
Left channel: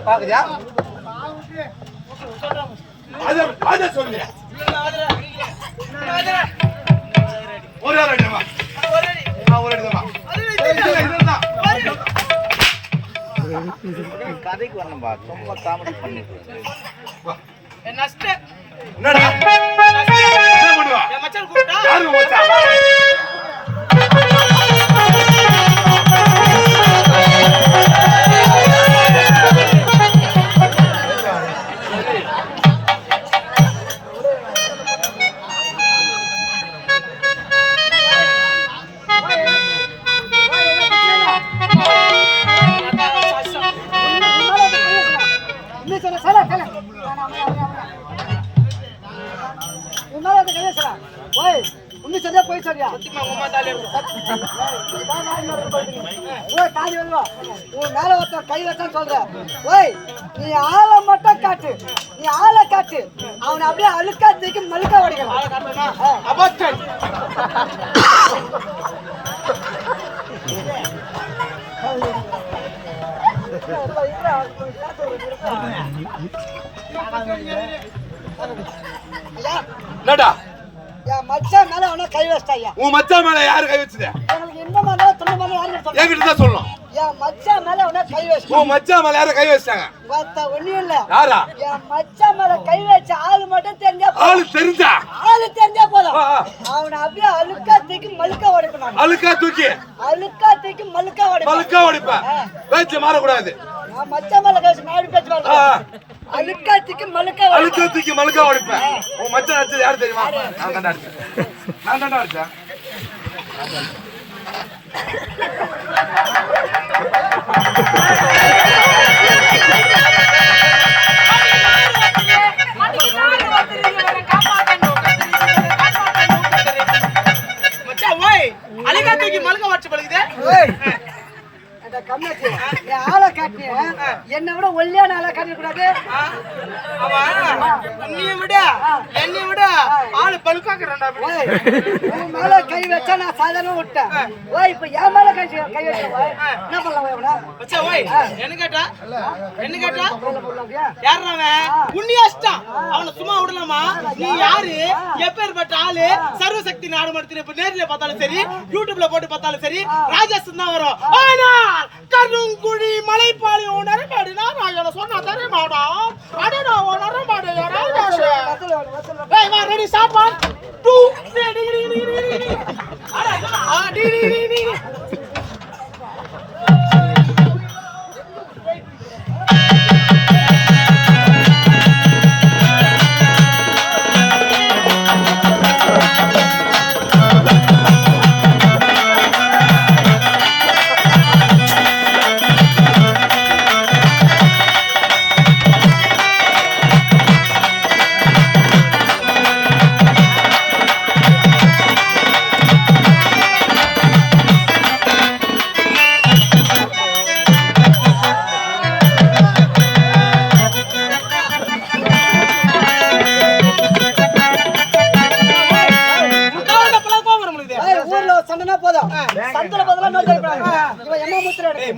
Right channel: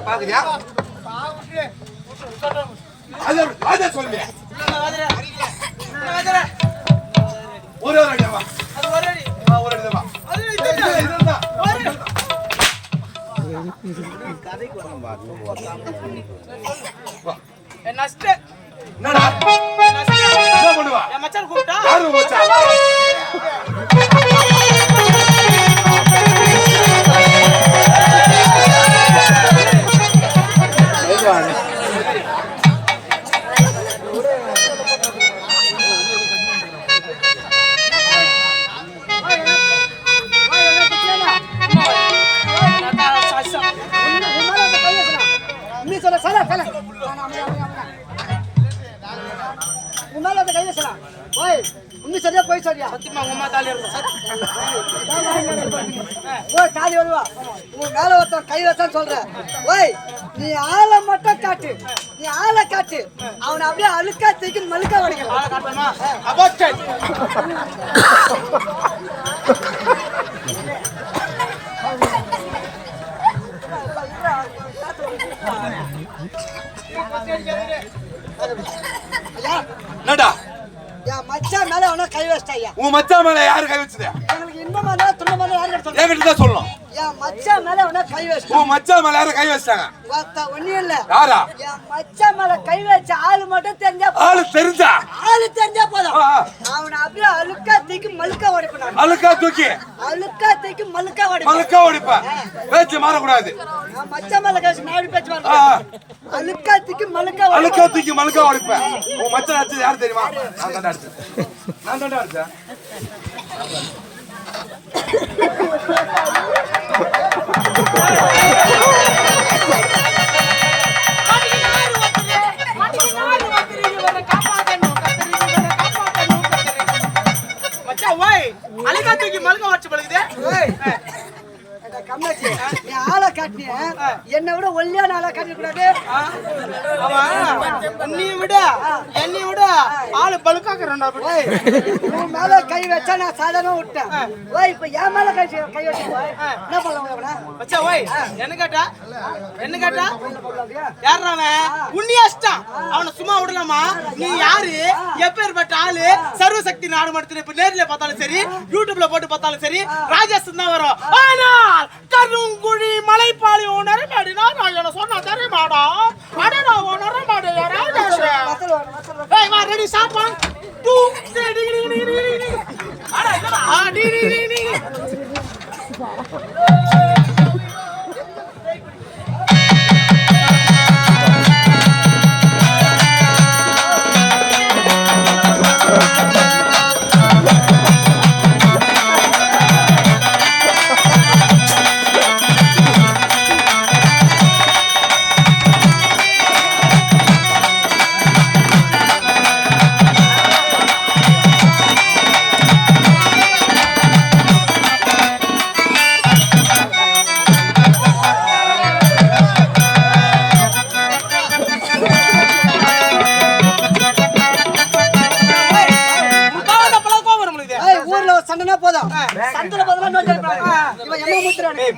பாக்குறியா? அத சொல்லு. ஒரு அடிமா ஒரு அடிமா கதைக்கு வரணும்பா. ரொம்ப காமெடி பண்ணிட்டு என்னடா என்ன பண்ணுவா? என் மச்சான் கூப்பிட்டா யாரு மச்சான்? சரியா போய் சரியா சத்தியமா உங்க அம்மா தாலி இருக்கும். ஓய் தாலி வருவா உன் மேல ஒருத்தன் கை வச்சான்னு சொல்ற. ஓய் நீ ஆளை மட்டும் காட்டு, நீ ஆளை காட்டு, அவனை அப்படியே அழுக்கா தூக்கி மழுக்கா உடைக்கலாம். ஆளை காட்டணுமா? அபாஸ்டன். என்னடா என் மச்சான் மேல அவனா கை வச்சிட்டாயா? உன் மச்சான் மேல யாரு கை வச்சது? உங்களுக்கு இன்பமா இருந்தா துன்பமா இருந்தா யாரு சொல்லுங்க? என்கிட்ட தான் சொல்லணும். என் மச்சான் மேல அவனா கை வச்சிட்டான். உன் மச்சான் மேல யாரு கை வச்சாங்க? ஒண்ணும் இல்ல. யாரா? என் மச்சான் மேல கை வச்ச ஆளு மட்டும் தெரிஞ்சா ஆளு தெரிஞ்சா? ஆளு தெரிஞ்சா போதும். அவனை அப்படியே அழுக்கா தூக்கி மழுக்கா உடைப்பான். அழுக்கா தூக்கி அழுக்கா தூக்கி மழுக்கா உடைப்பான். மழுக்கா உடைப்ப. பேச்சு மாறக்கூடாது. நான் மச்சான் மேல கை வச்சு நான் பேச்சு வரேன். அழுக்கா தூக்கி மழுக்கா அழுக்கா தூக்கி மழுக்கா உடைப்ப. உன் மச்சான் அடிச்சது யாரு தெரியுமா? நான் தாண்டா அடிச்சேன். நான் தாண்டா அடிச்சேன். மச்சான் ஓய் அலிகா தூக்கி மல்க வச்சு பழகுதே. என்னாச்சு என் ஆளை காட்டினிய என்னை விட ஒல்லியான ஆளா காட்டிட கூடாது அவன் உன்னையும் விட என்னையும் விட ஆளு பழுக்காக்குறான்டா உன் மேல கை வச்சா நான் சாதாரண விட்டேன் ஓய் இப்ப என் மேல கை வச்சா என்ன பண்ணலாம் எவனா வச்சா ஓய் என்ன கேட்டா அப்படியா யாராவன் உன்னியாஸ்டான் அவனை சும்மா விடலாமா நீ யாரு எப்பேற்பட்ட ஆளு சர்வசக்தி நாடு மடத்துல இப்ப நேர்ல பார்த்தாலும் சரி யூடியூப்ல போட்டு பார்த்தாலும் சரி ராஜேஷ் தான் வரும் ஆனால் கருங்குழி மலைப்பாளி நரமாடினா நான் சொன்னா தரே மாடா அடடா நரமாடு ராஜேஷ் ஏய் வா ரெடி ஸ்டார்ட் 1 2 3 டி அட டி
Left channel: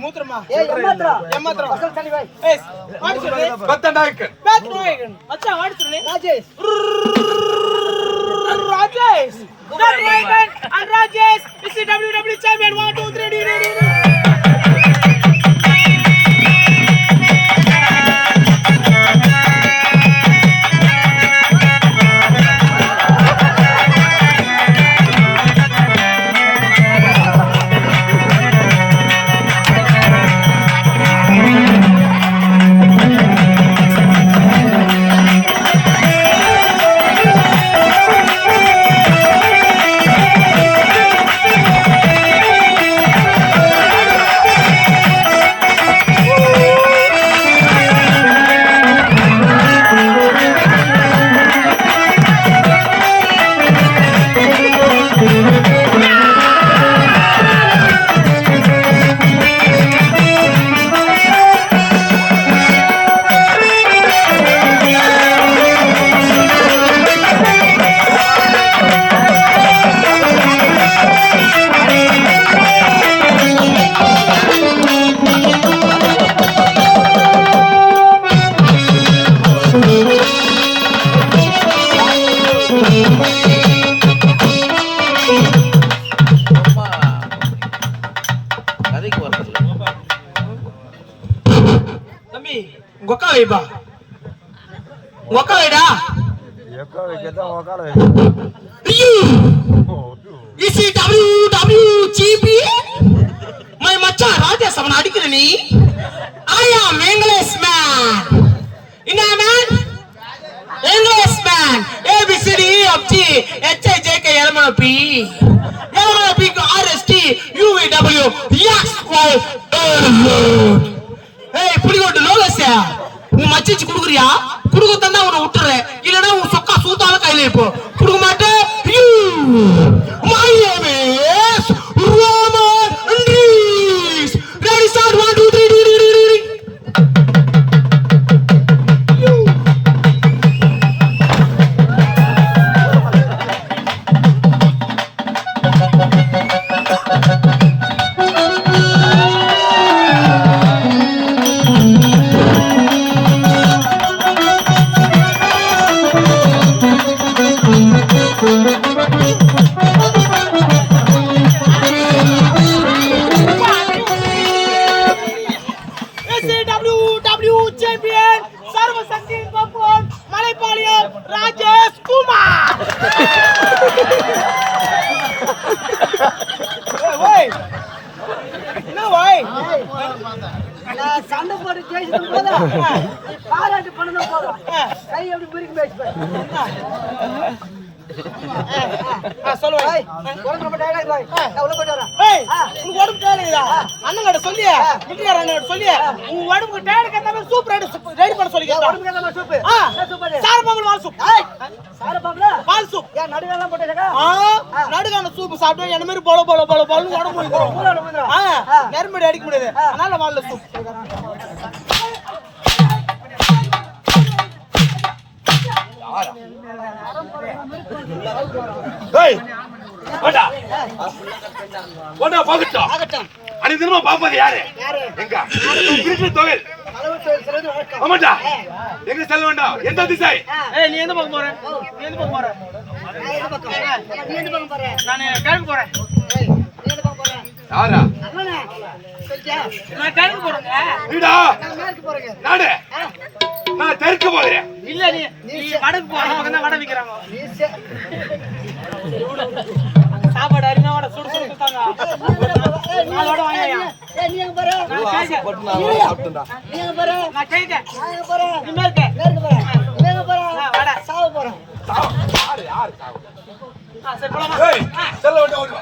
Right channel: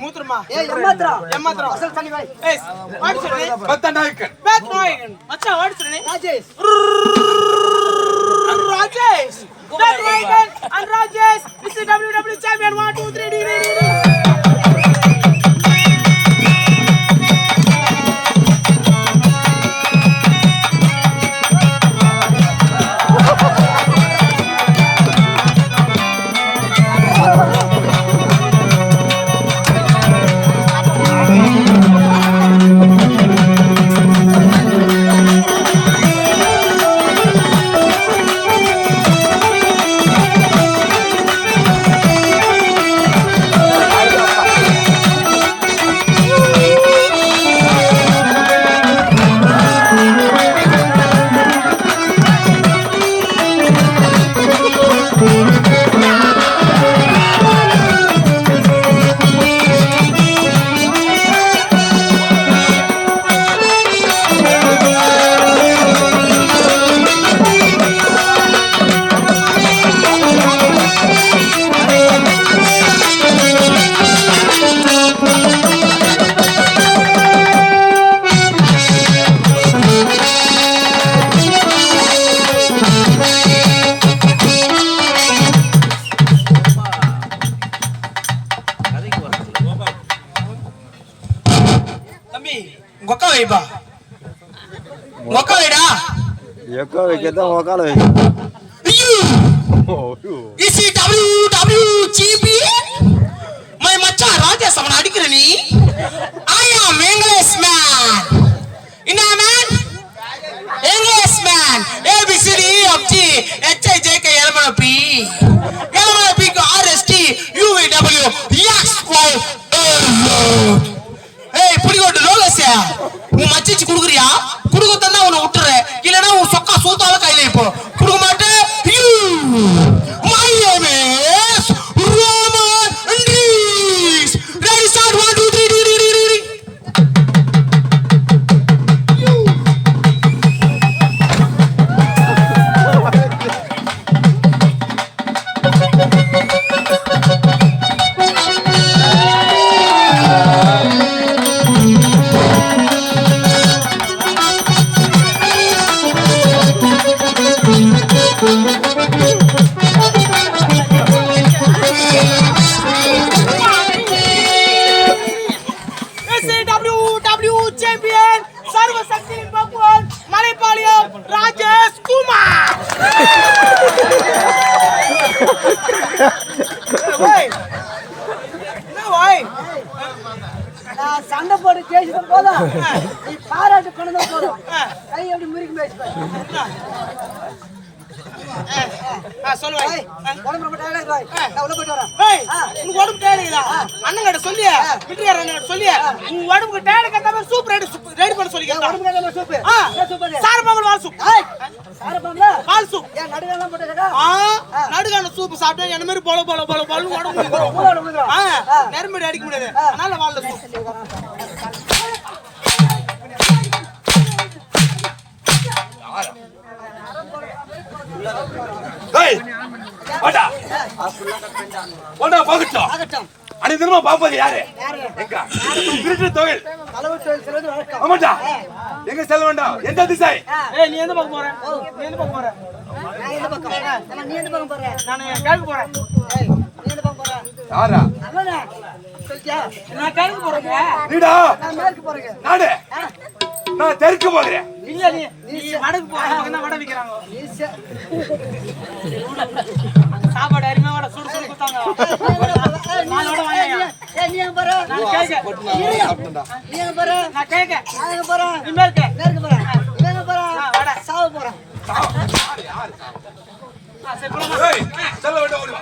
மூத்திரமா ஏமாத்திரம் அசல் தண்ணி வை ஏய் ஆடிச்சுனே பத்தநாயக்கன் மச்சான் ஆடிச்சுனே Rajesh Batnayakan and Rajesh is the WWE champion 1 2 3 D வைப்பா மொக்க வைடா எக்க வைக்கதான் மொக்கால வை இசி WWGP மை மச்சான் ராஜேஷ் அவன் அடிக்கிற நீ ஐயா இங்கிலீஷ் மேன் என்ன man English man ABCD of G HIJK LMNOP LMNOP RST UVW XY ஏய் புடிகோட்டு லோலஸ்யா உன் மச்சிச்சு குடுக்குறியா குடுக்க தந்தா உன்னை விட்டுறேன் இல்லனா உன் சொக்கா சூத்தால கையில இப்போ குடுக்க மாட்டேன் my name is Roman Andres ready start 1 2 3 SAWW champion Sarvasakti Bapwan Malaipalayam Rajesh Kumar நான் சண்டை போட்டு ஜெயிச்சதும் போதும் நீ பாராட்டு பண்ணதும் போதும் கை எப்படி முறுக்கி பேசிப்பேன் சொல்லுவாய் ஏய், உடம்பு ரொம்ப tired ஆ இருக்கு, பாய். நான் உள்ள போயிட்டு வரேன். ஏய் உனக்கு உடம்பு கேளுடா அண்ணன் கிட்ட சொல்லி விட்டுறாரு அண்ணன் கிட்ட சொல்லி உன் உடம்புக்கு டேடு கேட்ட மாதிரி சூப் ரெடி பண்ண சொல்லி ஏன் உடம்புக்கு ஏத்த மாதிரி சூப்பு? ஆ. என்ன சூப்பு அது? சாரப்பாம்பல் வால் சூப் ஏய், சாரு பாம்புல? வால் சூப் ஏன் நடுங்கெல்லாம் போட்டுருக்கா? நடுக்கான சூப் சாப்பிட்டு என்ன மாதிரி போல போல போல போலன்னு உடம்பு வந்துரும். ஊழல் ஊதுறோம். நெரும்படி அடிக்க முடியாது அதனால வால்ல சூப் சரி, வரேன். டேய் வாடா வாடா பாக்கட்டா ஆகட்டும். அனிதனமா பாப்பது யாரு யாரு? எங்க திருட்டு தொழில் அளவு தொழில் செய்வது வழக்கம். ஆமாடா எங்க செல்ல வேண்டாம் எந்த திசை ஏய் நீ எந்த பக்கம் போற நீ எந்த பக்கம் போற நான் எந்த பக்கம்? ஆமா, நீ எந்த பக்கம் போற? நான் கிழக்கு போறேன் ஏய், நீ எந்த பக்கம் போற? யாரா அண்ணனே, சொல்லிட்டியா? நான் கிழக்கு போறேங்க நீடா நான் மேற்கு போறேங்க. நாடு நான் தெற்கு போகிறேன் இல்ல நீ வடக்கு போற பக்கம் தான் வடை விக்கிறாங்க நீ சே- அங்க சாப்பாடு அருமையா வடை சுடு சுடு குத்தாங்க நாலு வடை வாங்கியா ஏய், நீ எங்க போற? நான் கேக்க நீ எங்க போற? நான் கேக்க நான் எங்க போறேன்? நீ மேற்க மேற்கு போறேன். நீ எங்க போற? வடை சாவ போறேன். யாரு சரி போலாமா ஏய் செல்ல வேண்டாம் ஓடி வா